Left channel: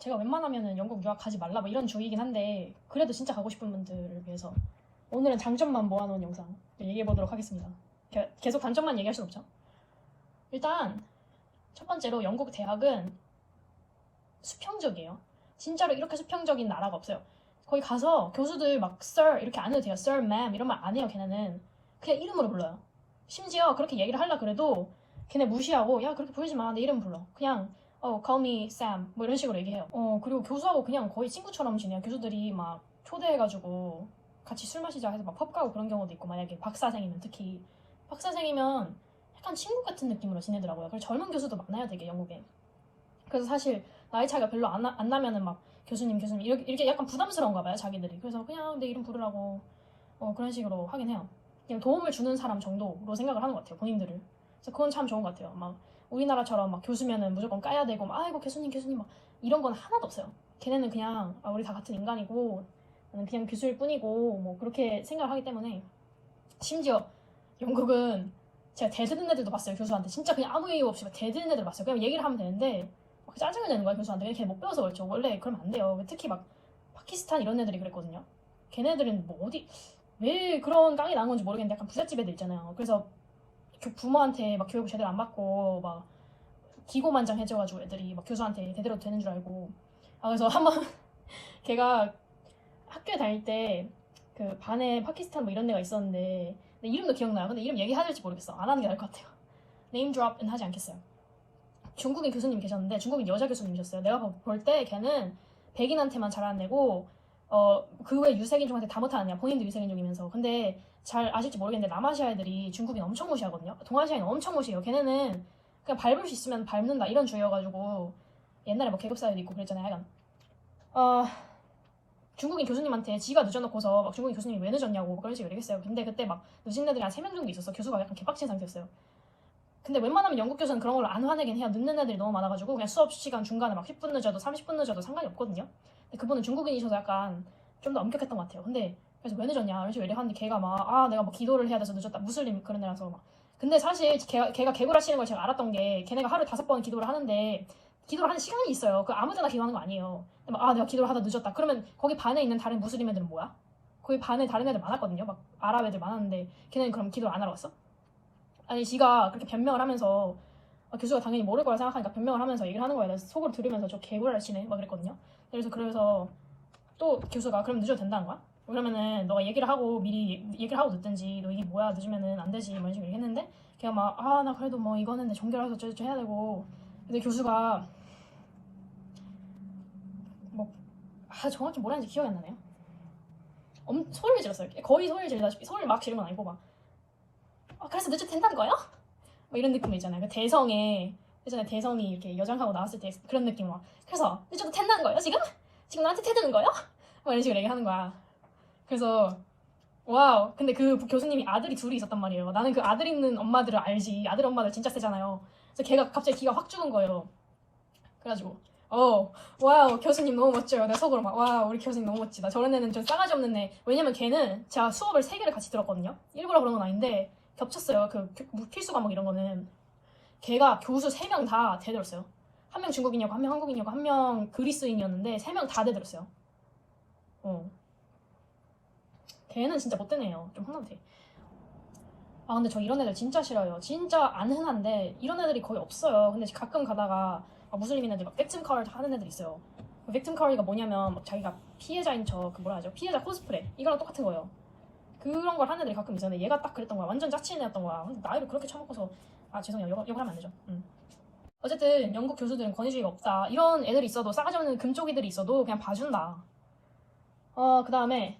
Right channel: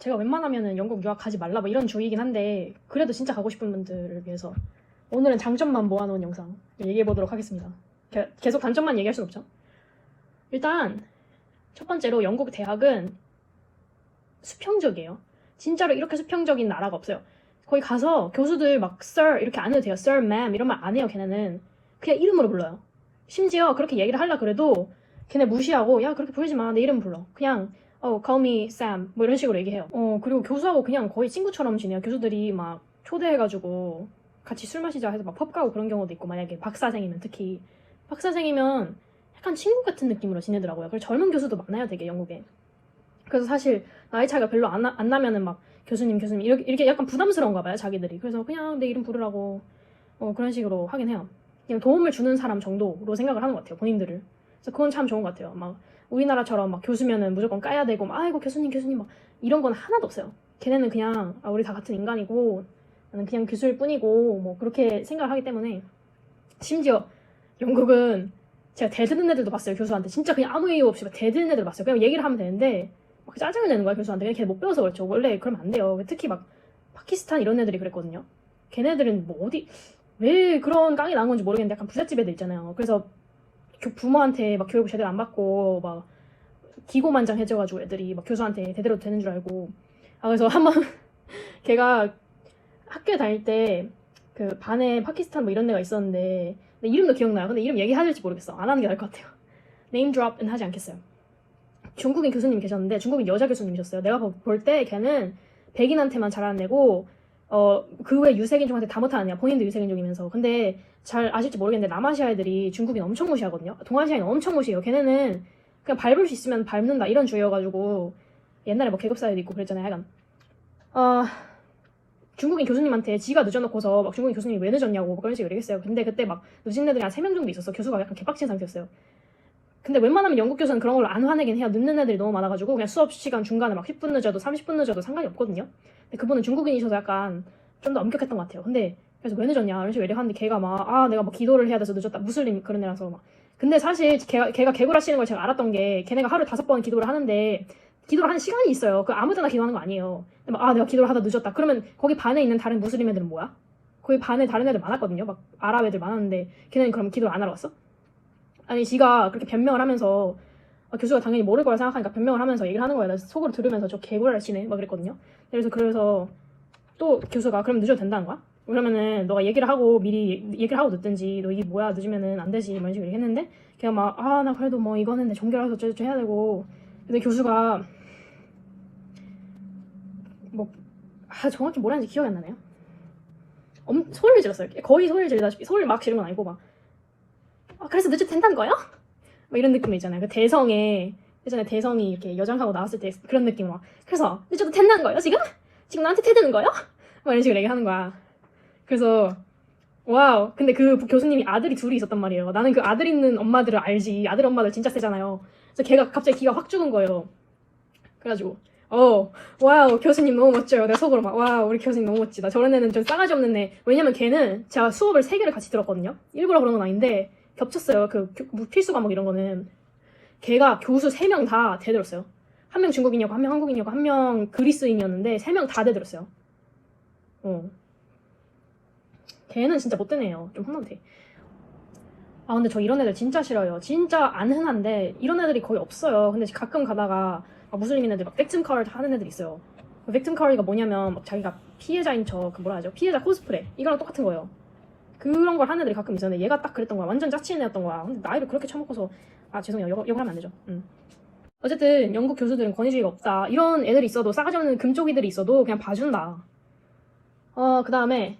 제가 웬만하면은 영국 유학 가지 말라 뭐 이런 주의이긴 한데 그래도 진짜 가고 싶은 분들을 위해서 오늘은 장점만 모아놓은 영상 얘기해 보도록 하겠습니다. 계속 단점만 얘기할 순 없죠. 일단 첫 번째로 영국 대학은 수평적이에요. 진짜로 이렇게 수평적인 나라가 없어요. 거기 가서 교수들 막 sir 이렇게 안 해도 돼요. sir, ma'am 이런 말 안 해요. 걔네는 그냥 이름으로 불러요. 심지어 그렇게 얘기를 하려 그래도 걔네 무시하고 야 그렇게 부르지 마 내 이름 불러. 그냥 call me Sam 뭐 이런 식으로 얘기해요. 그리고 교수하고 그냥 거의 친구처럼 지내요. 교수들이 막 초대해가지고 같이 술 마시자 해서 막 펍 가고 그런 경우도 있고, 만약에 박사생이면 특히 박사생이면 약간 친구 같은 느낌으로 지내더라고요. 그리고 젊은 교수도 많아요 되게 영국에. 그래서 사실 나이 차이가 별로 안 나면은 막 교수님 이렇게 약간 부담스러운가 봐요 자기들이. 그래서 그냥 내 이름 부르라고 그런 식으로 하긴 해요. 그냥 도움을 주는 사람 정도로 생각을 하는 것 같아요 본인들을. 그래서 그건 참 좋은 것 같아요. 막 우리나라처럼 막 교수면은 무조건 까야 되고 막 아이고 교수님 막 이런 건 하나도 없어요. 걔네는 그냥 우리 다 같은 인간이고 나는 그냥 교수일 뿐이고 뭐 그렇게 생각을 하기 때문에. 심지어 영국은 제가 대드는 애들도 봤어요. 교수한테 진짜 그냥 아무 이유 없이 대드는 애들 봤어요. 그냥 얘기를 하면 되는데 막 짜증을 내는 거야 교수한테. 그냥 걔 못 배워서 그렇죠. 원래 그러면 안 돼요. 특히 막 파키스탄 이런 애들이 그랬거든요. 걔네들은 뭐 어디 왜 그런 깡이 나온 건지 모르겠는데 약간 부잣집 애들 있잖아요. 그래서 부모한테 막 교육 제대로 안 받고 막 기고만장해져가지고 애들이 막 교수한테 제대로 되는 줄 알고. 그래서 한번 걔가 학교에 다닐 때 그 반에 파키스탄 뭐 이런 애가 있었는데 근데 이름도 기억나요. 근데 이름 얘기해야 될지 모르겠어. 안 하는 게 나을 것 같아요. 네임 드롭은 하지 않겠어요. 중국인 교수님 계셨는데 중국인 여자 교수님이셨어요. 내가 볼 때 걔는 백인한테만 잘하는 애고 그 외 유색인종한테 다 못하는 애야. 본인도 유색인종이면서. 근데 잘 아실지 모르겠는데 남아시아 애들이 중국인 엄청 무시하거든요. 동아시아인 엄청 무시해요. 걔네는 그냥 밟을 수 있으면 밟는다 이런 주의여가지고 옛날에 뭐 계급사회도 있고 그랬잖아요. 약간 중국인 교수님한테 지가 늦어놓고서 막 중국인 교수님이 왜 늦었냐고 뭐 그런 식으로 얘기했어요. 근데 그때 막 늦은 애들이 한 3명 정도 있었어. 교수가 약간 개빡친 상태였어요. 근데 웬만하면 영국 교수는 그런 걸로 안 화내긴 해요. 늦는 애들이 너무 많아가지고 그냥 수업 시간 중간에 막 10분 늦어도 30분 늦어도 상관이 없거든요. 근데 그분은 중국인이셔서 약간 좀 더 엄격했던 것 같아요. 근데 그래서 왜 늦었냐 이런 식으로 얘기하는데 걔가 막 내가 뭐 기도를 해야 돼서 늦었다 무슬림 그런 애라서 막. 근데 사실 걔가 개구라시는 걸 제가 알았던 게 걔네가 하루 5번 기도를 하는데 기도를 하는 시간이 있어요. 그 아무 데나 기도하는 거 아니에요. 근데 막 내가 기도를 하다 늦었다 그러면 거기 반에 있는 다른 무슬림 애들은 뭐야? 거기 반에 다른 애들 많았거든요. 막 아랍 애들 많았는데 걔네는 그럼 기도를 안 하러 왔어? 아니 지가 그렇게 변명을 하면서 교수가 당연히 모를 거라 생각하니까 변명을 하면서 얘기를 하는 거예요. 나 속으로 들으면서 저 개구라시네 막 그랬거든요. 그래서 또 교수가 그럼 늦어도 된다는 거야? 그러면은 너가 얘기를 하고 미리 얘기를 하고 늦든지 너 이게 뭐야 늦으면은 안 되지 이런 식으로 얘기했는데 걔가 막 나 그래도 뭐 이거는 내 종교라서 어쩌고저쩌고 해야 되고. 근데 교수가 뭐 정확히 뭐라 했는지 기억이 안 나네요. 소리를 질렀어요. 거의 소리를 지르다시피 소리를 막 지른 건 아니고 막 그래서 늦어도 된다는 거예요? 막 이런 느낌 있잖아요. 그 대성에 예전에 대성이 이렇게 여장하고 나왔을 때 그런 느낌으로 막 그래서 늦어도 된다는 거예요 지금? 지금 나한테 태드는 거예요? 막 이런 식으로 얘기하는 거야. 그래서 와우. 근데 그 교수님이 아들이 둘이 있었단 말이에요. 나는 그 아들 있는 엄마들을 알지. 아들 엄마들 진짜 세잖아요. 그래서 걔가 갑자기 기가 확 죽은 거예요. 그래가지고 와우 교수님 너무 멋져요. 내가 속으로 막 와우 우리 교수님 너무 멋지다. 저런 애는 좀 싸가지 없는 애. 왜냐면 걔는 제가 수업을 3개를 같이 들었거든요. 일부러 그런 건 아닌데 겹쳤어요. 그 필수 과목 이런 거는. 걔가 교수 3명 다 대들었어요. 한 명 중국인이었고 한 명 한국인이었고 한 명 그리스인이었는데 3명 다 대들었어요. 걔는 진짜 못된 애예요. 좀 혼나도 돼. 근데 저 이런 애들 진짜 싫어요. 진짜 안 흔한데 이런 애들이 거의 없어요. 근데 가끔 가다가 무슬림인 애들 막 victim card 하는 애들 있어요. 그 victim card가 뭐냐면 막 자기가 피해자인 척 뭐라 하죠? 피해자 코스프레 이거랑 똑같은 거예요. 그런 걸 하는 애들이 가끔 있었는데 얘가 딱 그랬던 거야. 완전 짜치는 애였던 거야. 근데 나이를 그렇게 처먹고서 죄송해요. 욕을 하면 안 되죠. 어쨌든 영국 교수들은 권위주의가 없다. 이런 애들이 있어도 싸가지 없는 금쪽이들이 있어도 그냥 봐준다. 그 다음에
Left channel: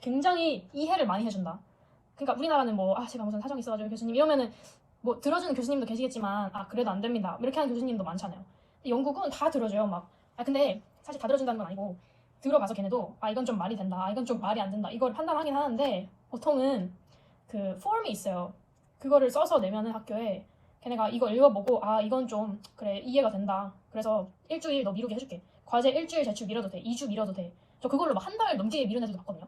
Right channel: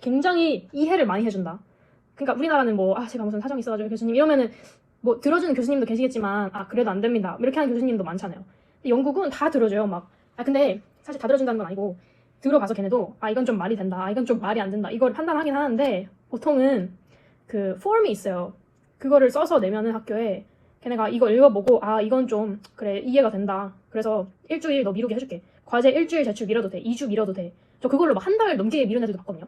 굉장히 이해를 많이 해준다. 그러니까 우리나라는 뭐 제가 무슨 사정이 있어가지고 교수님 이러면은 뭐 들어주는 교수님도 계시겠지만 그래도 안 됩니다 이렇게 하는 교수님도 많잖아요. 근데 영국은 다 들어줘요. 막 근데 사실 다 들어준다는 건 아니고 들어가서 걔네도 이건 좀 말이 된다 이건 좀 말이 안 된다 이걸 판단하긴 하는데 보통은 그 폼이 있어요. 그거를 써서 내면은 학교에 걔네가 이거 읽어보고 이건 좀 그래 이해가 된다 그래서 일주일 너 미루게 해줄게. 과제 일주일 제출 미뤄도 돼. 2주 미뤄도 돼. 저 그걸로 막 한 달 넘게 미룬 애들도 봤거든요.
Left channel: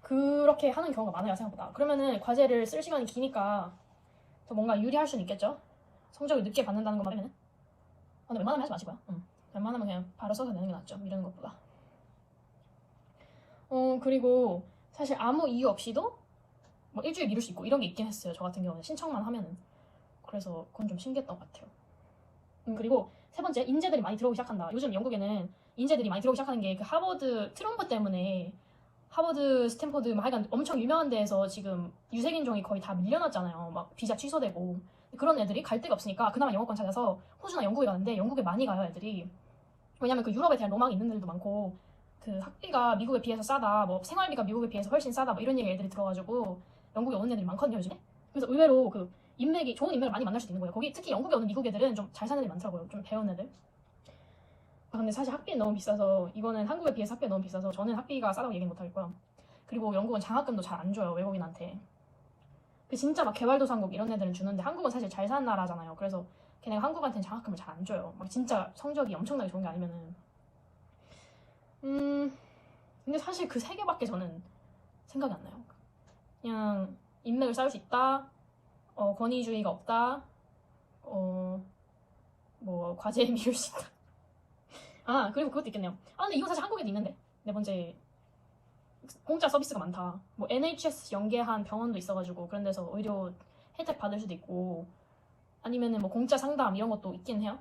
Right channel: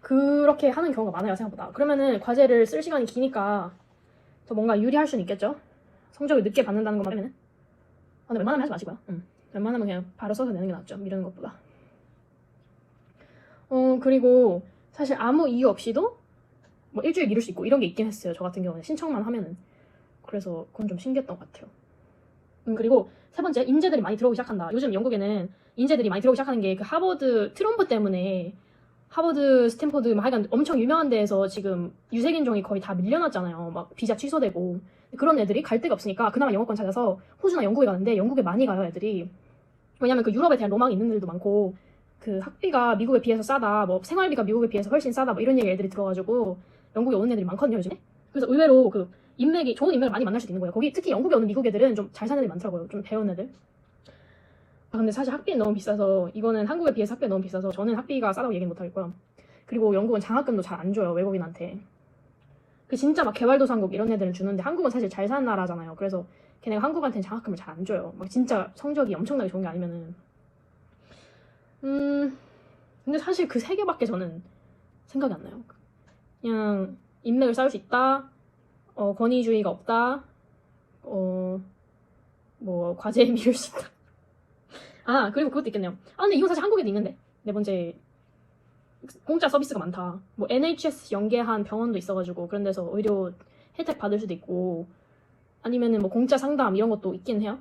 그렇게 하는 경우가 많아요 생각보다. 그러면은 과제를 쓸 시간이 기니까 더 뭔가 유리할 수는 있겠죠. 성적을 늦게 받는다는 것만 하면은 근데 웬만하면 하지 마시고요. 웬만하면 그냥 바로 써서 내는 게 낫죠. 미루는 것보다. 그리고 사실 아무 이유 없이도 뭐 일주일 미룰 수 있고 이런 게 있긴 했어요. 저 같은 경우는 신청만 하면은. 그래서 그건 좀 신기했던 것 같아요. 그리고 세 번째, 인재들이 많이 들어오기 시작한다. 요즘 영국에는 인재들이 많이 들어오기 시작하는 게 그 하버드 트럼프 때문에 하버드, 스탠포드 뭐 하여간 엄청 유명한 데에서 지금 유색인종이 거의 다 밀려났잖아요. 막 비자 취소되고 그런 애들이 갈 데가 없으니까 그나마 영어권 찾아서 호주나 영국에 가는데 영국에 많이 가요 애들이. 왜냐면 그 유럽에 대한 로망이 있는 애들도 많고 그 학비가 미국에 비해서 싸다, 뭐 생활비가 미국에 비해서 훨씬 싸다, 뭐 이런 얘기 애들이 들어가지고 영국에 오는 애들이 많거든요 요즘에. 그래서 의외로 그 인맥이 좋은 인맥을 많이 만날 수도 있는 거예요. 거기 특히 영국에 오는 미국 애들은 좀 잘 사는 애들이 많더라고요. 좀 배운 애들. 아, 근데 사실 학비는 너무 비싸서 이거는 한국에 비해서 학비가 너무 비싸서 저는 학비가 싸다고 얘기는 못하겠고요. 그리고 영국은 장학금도 잘 안 줘요 외국인한테. 그 진짜 막 개발도상국 이런 애들은 주는데 한국은 사실 잘 사는 나라잖아요. 그래서 걔네가 한국한테는 장학금을 잘 안 줘요. 막 진짜 성적이 엄청나게 좋은 게 아니면은. 근데 사실 그 세 개밖에 저는 생각이 안 나요. 그냥 인맥을 쌓을 수 있다, 권위주의가 없다, 뭐 과제에 미룰 수 있다. 아 그리고 그것도 있겠네요. 아 근데 이건 사실 한국에도 있는데 네 번째, 공짜 서비스가 많다. 뭐 NHS 연계한 병원도 있어가지고 그런 데서 의료 혜택 받을 수도 있고 아니면은 뭐 공짜 상담 이런 것도 있긴 해요.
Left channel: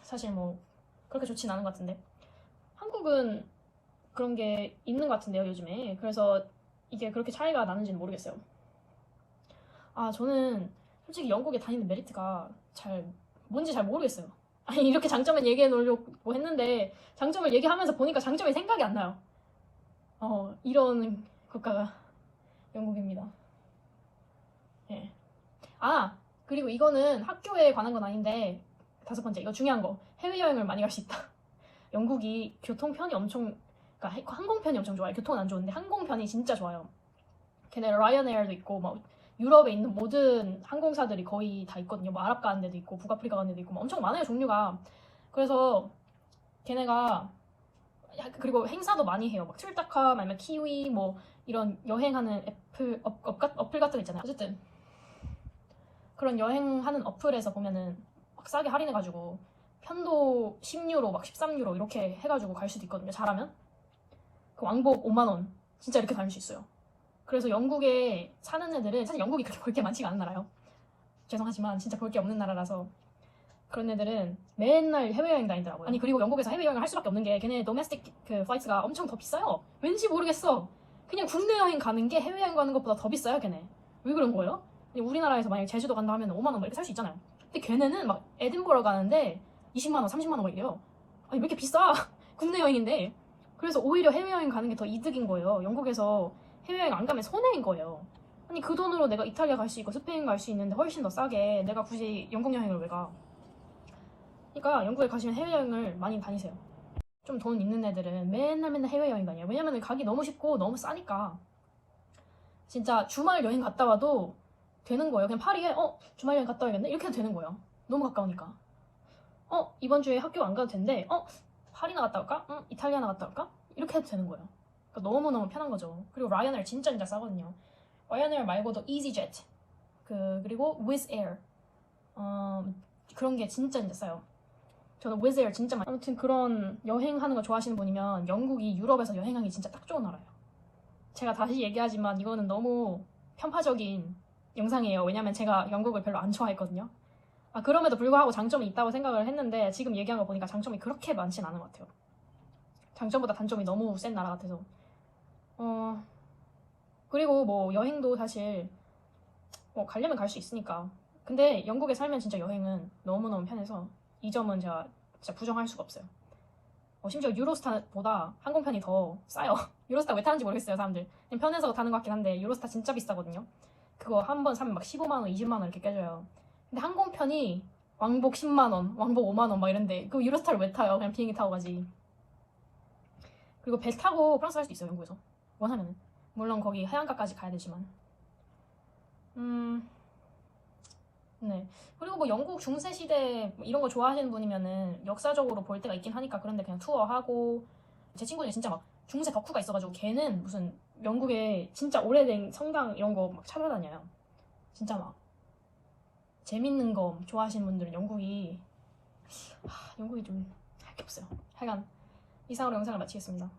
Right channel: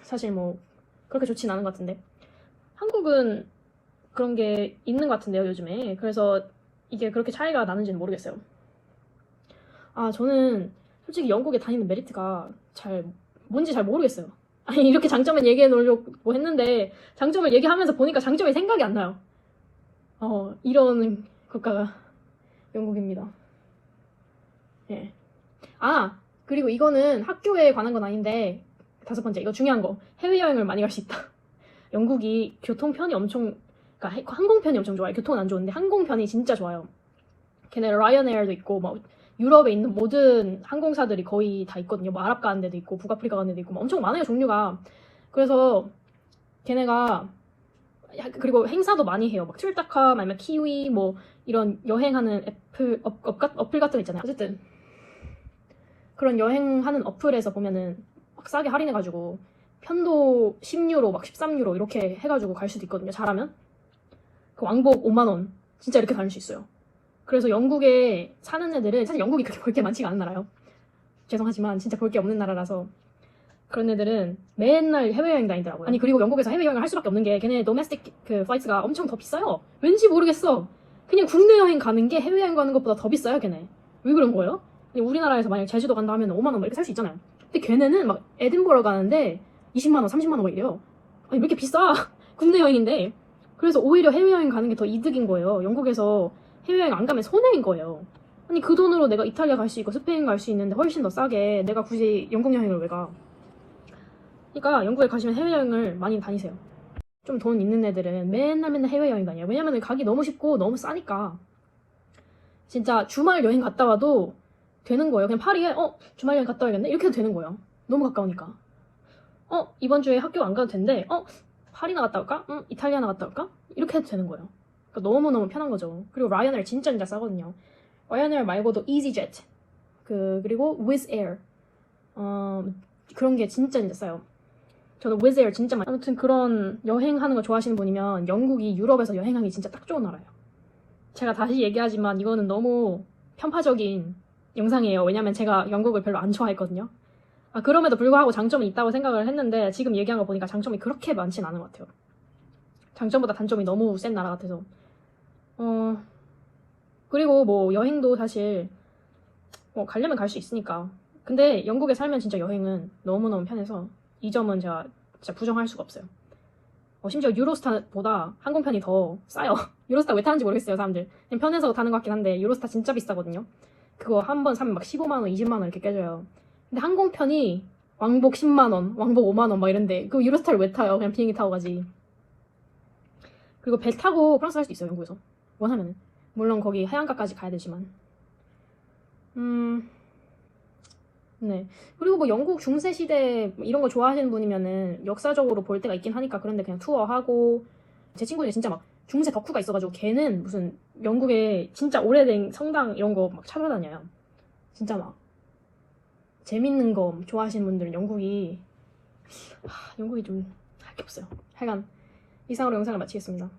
사실 뭐 그렇게 좋진 않은 것 같은데 한국은 그런 게 있는 것 같은데요 요즘에. 그래서 이게 그렇게 차이가 나는지는 모르겠어요. 아 저는 솔직히 영국에 다니는 메리트가 뭔지 잘 모르겠어요. 아니 이렇게 장점을 얘기해 놓으려고 했는데 장점을 얘기하면서 보니까 장점이 생각이 안 나요. 이런 국가가 영국입니다. 예. 아 그리고 이거는 학교에 관한 건 아닌데 다섯 번째, 이거 중요한 거, 해외여행을 많이 갈 수 있다. 영국이 교통편이 엄청, 그러니까 항공편이 엄청 좋아요. 교통은 안 좋은데 항공편이 진짜 좋아요. 걔네 라이언에어도 있고 뭐 유럽에 있는 모든 항공사들이 거의 다 있거든요. 뭐 아랍 가는 데도 있고 북아프리카 가는 데도 있고 뭐 엄청 많아요 종류가. 그래서 걔네가 그리고 행사도 많이 해요. 막 툴타카 아니면 키위 뭐 이런 여행하는 어플 같은 거 있잖아요. 어쨌든 그런 여행하는 어플에서 보면은 막 싸게 할인해가지고 편도 10유로 막 13유로 이렇게 해가지고 갈 수도 있거든요. 잘하면 그 왕복 5만원 진짜 이렇게 다닐 수 있어요. 그래서 영국에 사는 애들은 사실 영국이 그렇게 볼 게 많지가 않은 나라요. 죄송하지만 진짜 볼 게 없는 나라라서 그런 애들은 맨날 해외여행 다니더라고요. 아니 그리고 영국에서 해외여행을 할 수밖에 없는 게 걔네 도메스틱 그 플라이트가 엄청 더 비싸요. 왠지 모르겠어. 그냥 국내 여행 가는 게 해외여행 가는 것보다 더 비싸요 걔네. 왜 그런 거예요? 우리나라에서 만약 제주도 간다 하면 5만원 이렇게 살 수 있잖아요. 근데 걔네는 막 에든버러 가는데 20만원 30만원 막 이래요. 아니 왜 이렇게 비싸? 국내 여행인데. 그래서 오히려 해외여행 가는 게 더 이득인 거예요. 영국에서 해외여행 안 가면 손해인 거예요. 아니 그 돈으로 내가 이탈리아 갈 수 있고 스페인 갈 수 있는데 훨씬 더 싸게 내가 굳이 영국 여행을 왜 가? 그러니까 영국에 가시면 해외여행을 많이 다니세요. 좀 돈 있는 애들은 맨날 해외여행 다녀요. 왜냐면 가기 너무 쉽고 너무 싸니까. 진짜 주말 여행 갔다 와도 되는 거예요. 그냥 파리에 주말 여행 갔다 와야겠네? 이렇게 해도 되는 거예요. 너무 가까우니까. 이번 주에 학교 안 가도 된대. 파리나 갔다 올까? 이탈리아나 갔다 올까? 이렇게 해도 되는 거예요. 그러니까 너무너무 편한 거죠. 그리고 라이언에어 진짜 싸거든요. 라이언에어 말고도 이지젯 그리고 위즈 에어 그런 게 진짜 싸요. 저는 위즈 에어 진짜 많이. 아무튼 그런 여행하는 거 좋아하시는 분이면 영국이 유럽에서 여행하기 진짜 딱 좋은 나라예요. 제가 다시 얘기하지만 이거는 너무 편파적인 영상이에요. 왜냐면 제가 영국을 별로 안 좋아했거든요. 그럼에도 불구하고 장점이 있다고 생각을 했는데 지금 얘기한 거 보니까 장점이 그렇게 많진 않은 것 같아요. 장점보다 단점이 너무 센 나라 같아서. 그리고 뭐 여행도 사실 가려면 갈 수 있으니까. 근데 영국에 살면 진짜 여행은 너무너무 편해서 이 점은 제가 진짜 부정할 수가 없어요. 심지어 유로스타보다 항공편이 더 싸요. 유로스타 왜 타는지 모르겠어요 사람들. 그냥 편해서 타는 것 같긴 한데 유로스타 진짜 비싸거든요. 그거 한 번 사면 막 15만원 20만원 이렇게 깨져요. 근데 항공편이 왕복 10만원 왕복 5만원 막 이런데 그 유로스타를 왜 타요? 그냥 비행기 타고 가지. 그리고 배 타고 프랑스 갈 수도 있어요 영국에서 원하면은. 물론 거기 해안가까지 가야 되지만. 네. 그리고 뭐 영국 중세 시대 이런 거 좋아하시는 분이면은 역사적으로 볼 때가 있긴 하니까 그런데 그냥 투어하고. 제 친구는 진짜 막 중세 덕후가 있어가지고 걔는 무슨 영국에 진짜 오래된 성당 이런 거 막 찾아다녀요. 진짜 막 재밌는 거 좋아하시는 분들은 영국이 좀 밖에 없어요. 하여간 이상으로 영상을 마치겠습니다.